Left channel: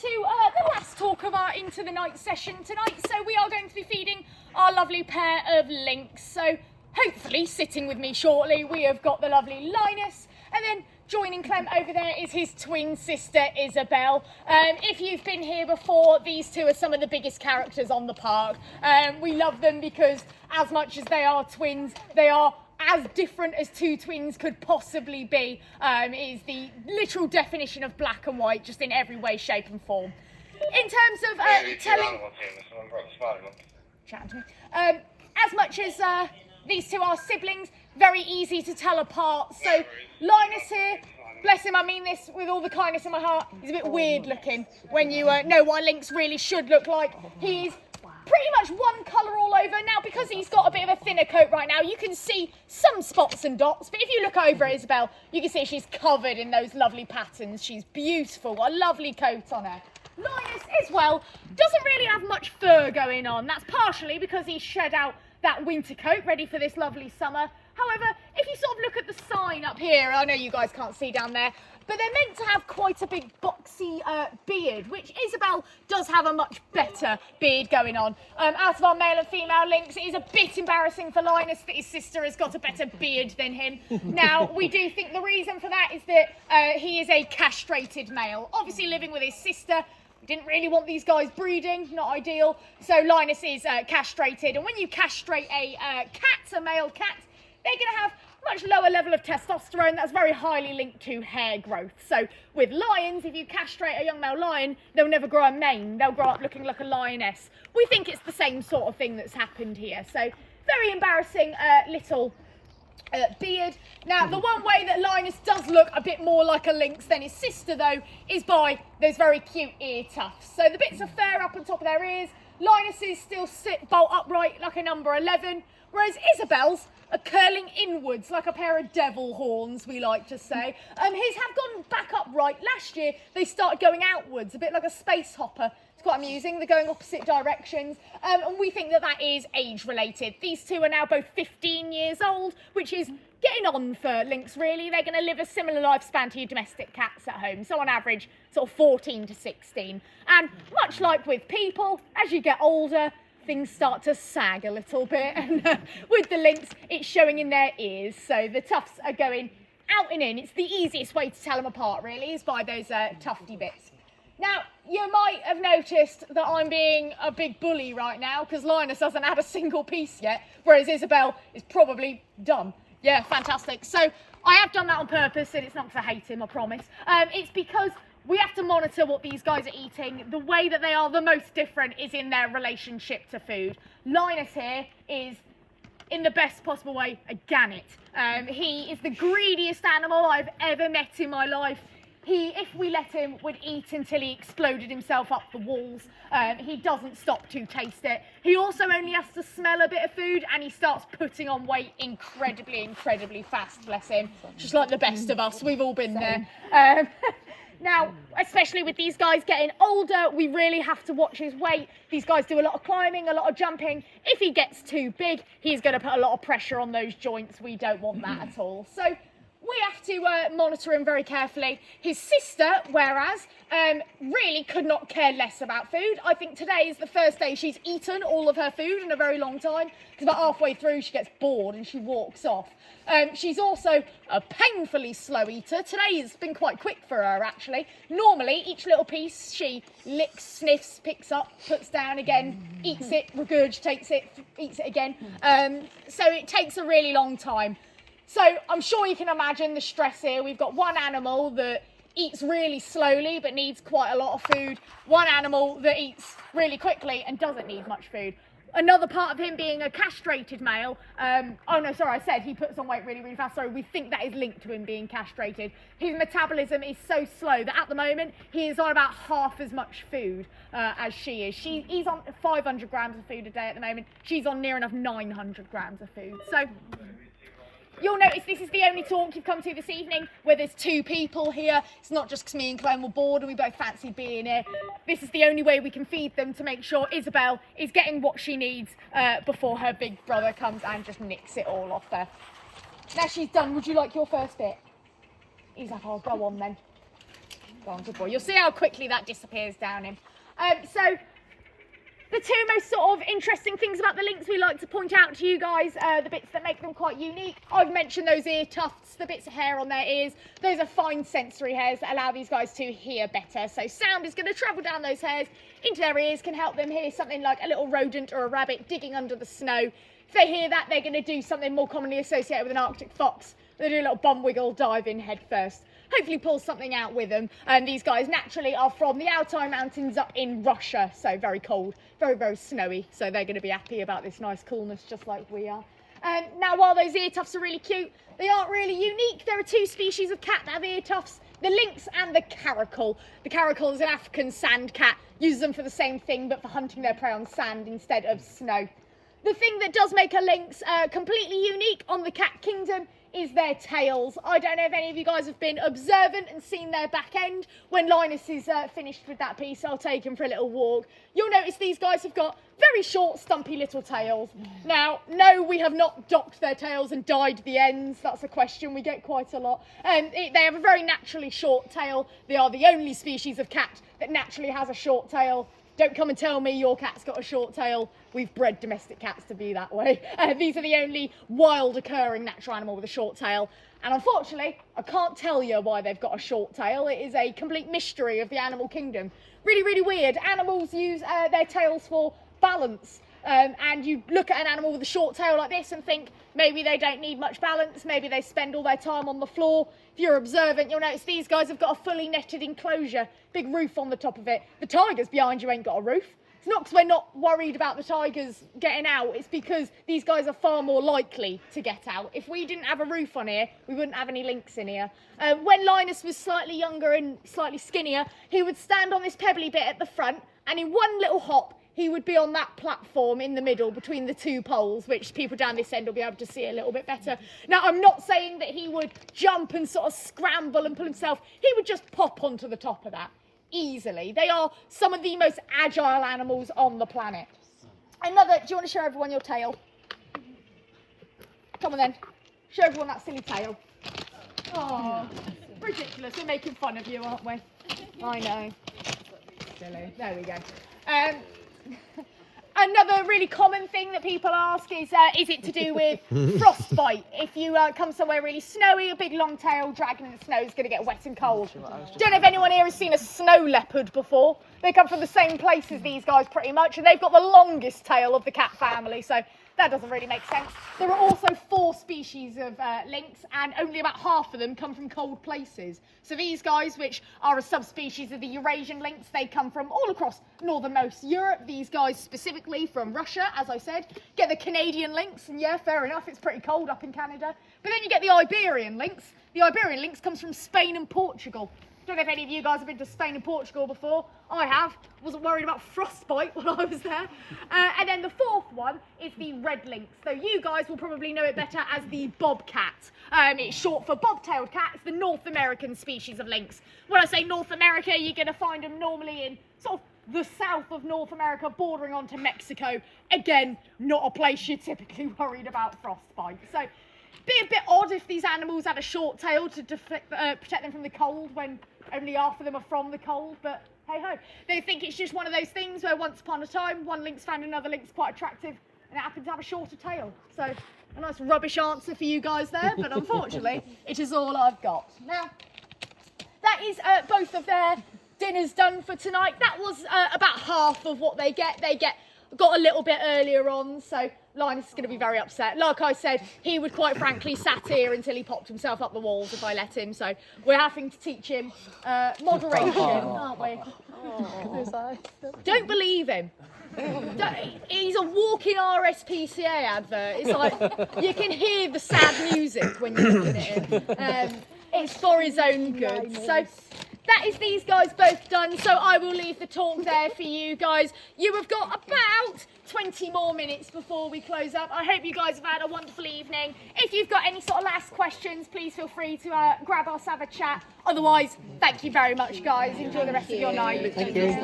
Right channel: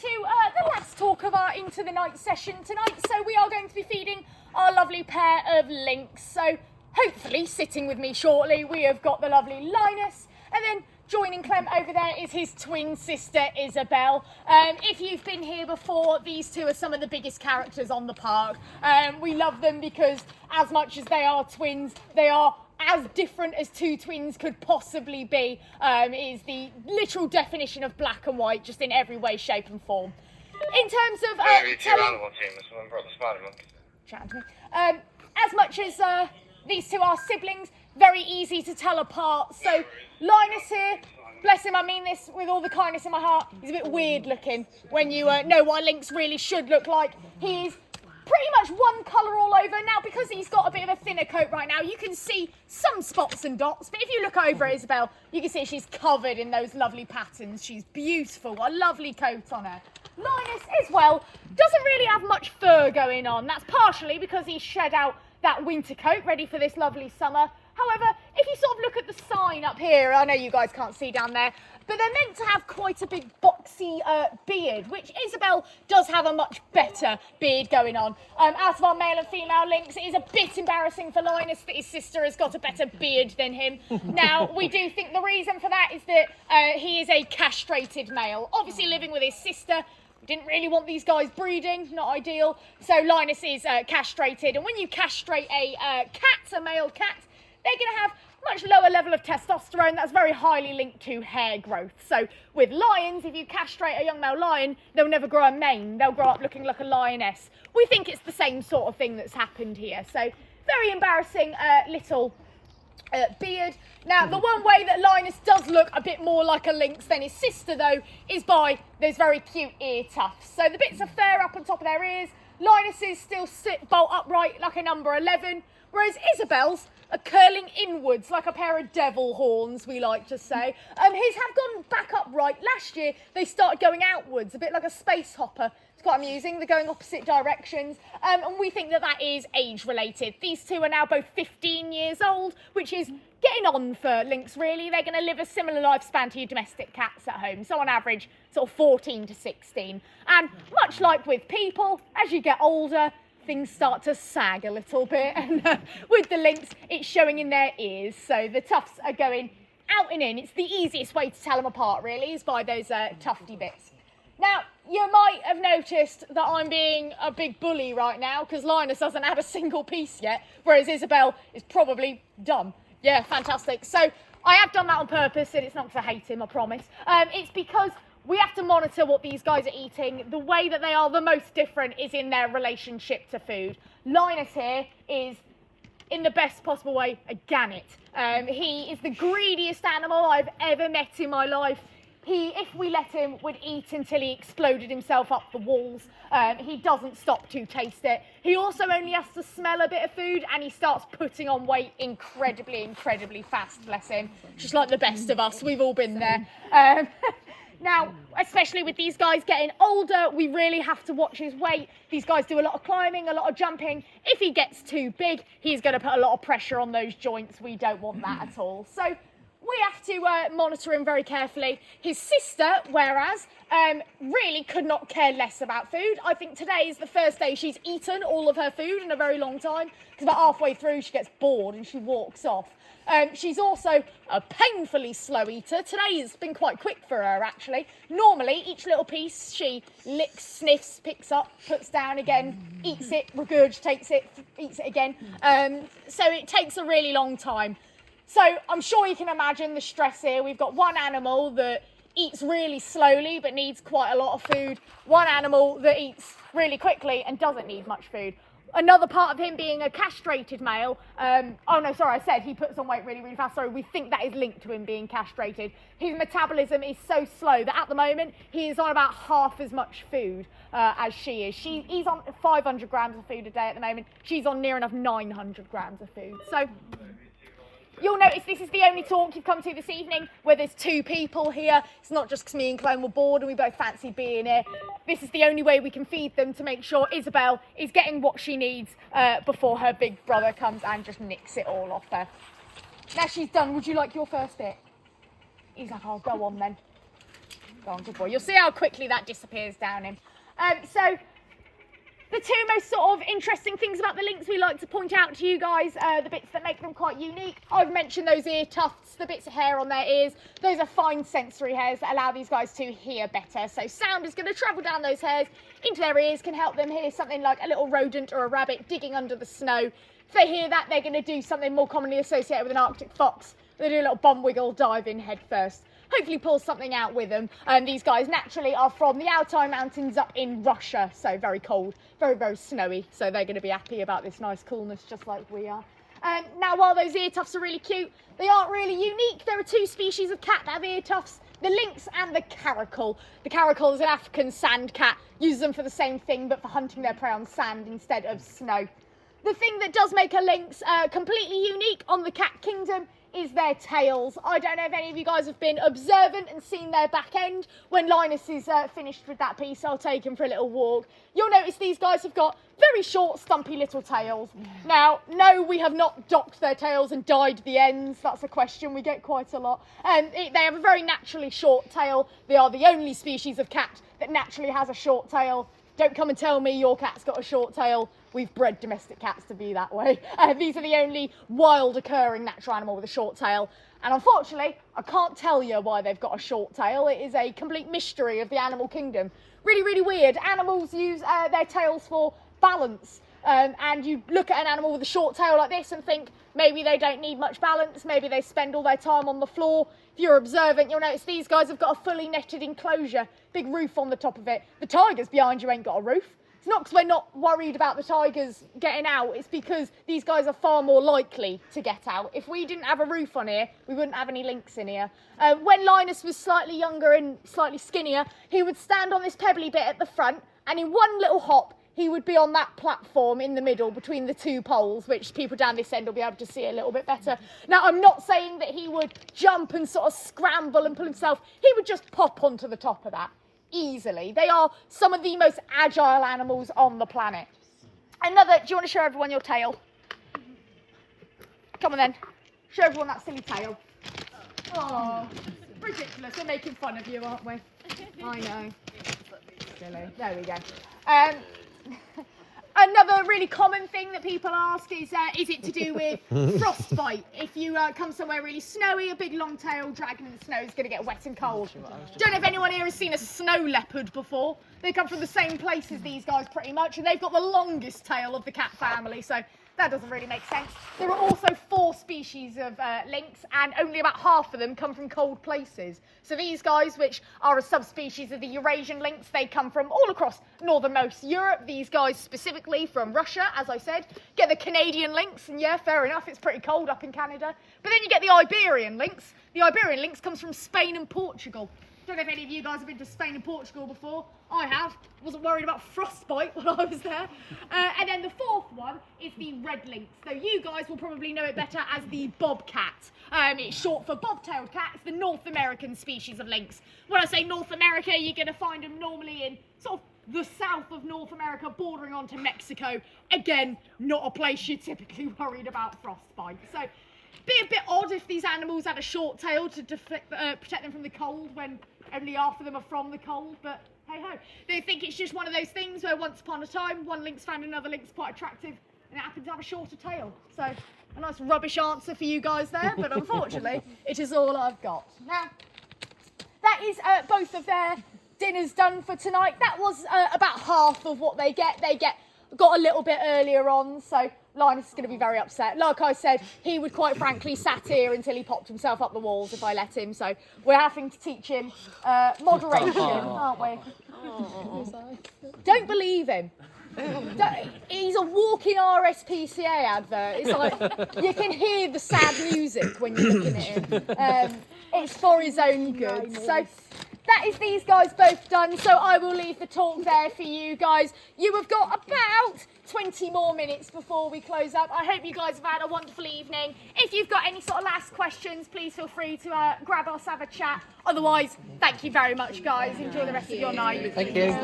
to the last talk of our Into the Night session tonight. So we are going to be feeding our lovely pair of lynx. So hopefully sitting with me shortly we have got the lovely Linus, and then joining Clem over there is his twin sister Isobel. If you've been here before, these two are some of the biggest characters on the park. We love them because as much as they are twins, they are as different as two twins could possibly be. It is the literal definition of black and white, just in every way, shape and form. In terms of as much as these two are siblings, very easy to tell apart. So Linus here, bless him, I mean this with all the kindness in my heart, he's a bit weird looking when you know what a lynx really should look like. He's pretty much one colour all over. Now, because he's got a bit of a thinner coat right now, you can see some spots and dots, but if you look over at Isobel, you can see she's covered in those lovely patterns. She's beautiful, got a lovely coat on her. Linus, as well, doesn't really have much fur going on. That's partially because he's shed out that winter coat, ready for this lovely summer. However, if you sort of look at the sign up here, I know you guys can't see down there, but they're meant to have quite a big boxy beard, which Isobel does have a much better beard going on. Out of our male and female lynx, it is a bit embarrassing for Linus that his sister has got a better beard than him. Now, we do think the reason for that is that he is a castrated male, obviously living with his sister. Didn't really want these guys breeding, not ideal. So Linus is castrated, and when you castrate a male cat, they're going to have much lower level of testosterone. That's very highly linked to hair growth. So with lions, if you castrate a young male lion, they'll never grow a mane. They'll grow up looking like a lioness. We think it's the same sort of thing that's happened here. So very embarrassing little beard. Now, the one way that Linus does look a bit more like a lynx than his sister, though, is by those very cute ear tufts. So the bits of fur up on top of their ears, Linus's still sit bolt upright like a number 11, whereas Isobel's are curling inwards like a pair of devil horns, we like to say. His have gone back upright. Last year, they started going outwards, a bit like a space hopper. It's quite amusing. They're going opposite directions. And we think that that is age-related. These two are now both 15 years old, which is getting on for lynx, really. They're going to live a similar lifespan to your domestic cats at home. So on average, sort of 14 to 16. And much like with people, as you get older, things start to sag a little bit, and with the lynx, it's showing in their ears. So the tufts are going out and in. It's the easiest way to tell them apart, really, is by those tufty bits. Now, you might have noticed that I'm being a big bully right now, because Linus hasn't had a single piece yet, whereas Isobel is probably done. Yeah, fantastic. So I have done that on purpose, and it's not because I hate him, I promise. It's because we have to monitor what these guys are eating. The way that they are the most different is in their relationship to food. Linus here is, in the best possible way, a gannet. He is the greediest animal I've ever met in my life. He, if we let him, would eat until he exploded himself up the walls. He doesn't stop to taste it. He also only has to smell a bit of food, and he starts putting on weight incredibly fast, bless him. Just like the best of us, we've all been there. Now, especially with these guys getting older, we really have to watch his weight. These guys do a lot of climbing, a lot of jumping. If he gets too big, he's going to put a lot of pressure on those joints. We don't want that at all. So we have to monitor him very carefully. His sister, whereas, really could not care less about food. I think today is the first day she's eaten all of her food in a very long time, because about halfway through she gets bored and she walks off. She's also a painfully slow eater. Today has been quite quick for her, actually. Normally, each little piece she licks, sniffs, picks up, puts down again, eats it, regurgitates it, eats it again. So it takes a really long time. So I'm sure you can imagine the stress here. We've got one animal that eats really slowly but needs quite a lot of food. One animal that eats really quickly and doesn't need much food. Another part of him being a castrated male, oh no, sorry, I said he puts on weight really fast. Sorry, we think that is linked to him being castrated. His metabolism is so slow that at the moment he is on about half as much food as she is. He's on 500 grams of food a day at the moment. She's on near enough 900 grams of food. So you'll notice this is the only talk you've come to this evening where there's two people here. It's not just because me and Clem were bored and we both fancy being here. This is the only way we can feed them to make sure Isobel is getting what she needs before her big brother comes and just nicks it all off her. Now she's done, would you like your first bit? He's like, oh, go on then. Go on, good boy. You'll see how quickly that disappears down him. So the two most sort of interesting things about the lynx we like to point out to you guys, the bits that make them quite unique. I've mentioned those ear tufts, the bits of hair on their ears. Those are fine sensory hairs that allow these guys to hear better. So sound is going to travel down those hairs into their ears, can help them hear something like a little rodent or a rabbit digging under the snow. If they hear that, they're going to do something more commonly associated with an Arctic fox. They do a little bum wiggle, dive in head first. Hopefully pull something out with them. These guys naturally are from the Altai Mountains up in Russia, so very cold, very, very snowy. So they're going to be happy about this nice coolness, just like we are. Now, while those ear tufts are really cute, they aren't really unique. There are two species of cat that have ear tufts, the lynx and the caracal. The caracal is an African sand cat, uses them for the same thing, but for hunting their prey on sand instead of snow. The thing that does make a lynx completely unique on the cat kingdom is their tails. I don't know if any of you guys have been observant and seen their back end. When Linus is finished with that piece, I'll take him for a little walk. You'll notice these guys have got very short, stumpy little tails. Now, no, we have not docked their tails and dyed the ends. That's a question we get quite a lot. They have a very naturally short tail. They are the only species of cat that naturally has a short tail. Don't come and tell me your cat's got a short tail. We've bred domestic cats to be that way. These are the only wild occurring natural animal with a short tail. And unfortunately, I can't tell you why they've got a short tail. It is a complete mystery of the animal kingdom. Really, really weird. Animals use their tails for balance. And you look at an animal with a short tail like this and think maybe they don't need much balance. Maybe they spend all their time on the floor. If you're observant, you'll notice these guys have got a fully netted enclosure, big roof on the top of it. The tigers behind you ain't got a roof. It's not because we're not worried about the tigers getting out, it's because these guys are far more likely to get out. If we didn't have a roof on here, we wouldn't have any lynx in here. When Linus was slightly younger and slightly skinnier, he would stand on this pebbly bit at the front, and in one little hop, he would be on that platform in the middle between the two poles, which people down this end will be able to see a little bit better. Now, I'm not saying that he would jump and sort of scramble and pull himself. He would just pop onto the top of that easily. They are some of the most agile animals on the planet. Do you want to show everyone your tail? Come on then. Show everyone that silly tail. Oh, ridiculous. We're making fun of you, aren't we? I know. Silly. There we go. Another really common thing that people ask is it to do with frostbite? If you come somewhere really snowy, a big long tail dragging in the snow is going to get wet and cold. Don't know if anyone here has seen a snow leopard before. They come from the same place as these guys pretty much, and they've got the longest tail of the cat family, so that doesn't really make sense. There are also 4 species of lynx, and only about half of them come from cold places. So these guys, which are a subspecies of the Eurasian lynx, they come from all across northernmost Europe. These guys specifically from Russia, as I said. Get the Canadian lynx, and yeah, fair enough, it's pretty cold up in Canada. But then you get the Iberian lynx. The Iberian lynx comes from Spain and Portugal. Don't know if any of you guys have been to Spain and Portugal before. I have. Wasn't worried about frostbite when I was there. And then the 4th one is the red lynx. So you guys will probably know it better as the bobcat. It's short for bobtailed cat. It's the North American species of lynx. When I say North America, you're going to find them normally in sort of the south of North America, bordering onto Mexico. Again, not a place you're typically worried about frostbite. So be a bit odd if these animals had a short tail to protect them from the cold when only half of them are from the cold, but hey ho. They think it's just one of those things where once upon a time one lynx found another lynx quite attractive and it happened to have a shorter tail. So a nice rubbish answer for you guys there, but unfortunately it is all I've got. Now, that is both of their dinners done for tonight. That was about half of what they get. Got a little bit earlier on, so Linus is going to be very upset. Like I said, he would quite frankly sat here until he popped himself up the walls if I let him, so we're having to teach him moderation, aren't we? Don't believe him. He's a walking RSPCA advert. It's like you can hear the sad music when you're looking at him. It's for his own good. So that is these guys both done, so I will leave the talk there for you guys. You have got about 20 more minutes before we close up. I hope you guys have had a wonderful evening. If you've got any sort of last questions, please feel free to grab us, have a chat. Otherwise, thank you very much, guys. Enjoy the rest of your night. Thank you.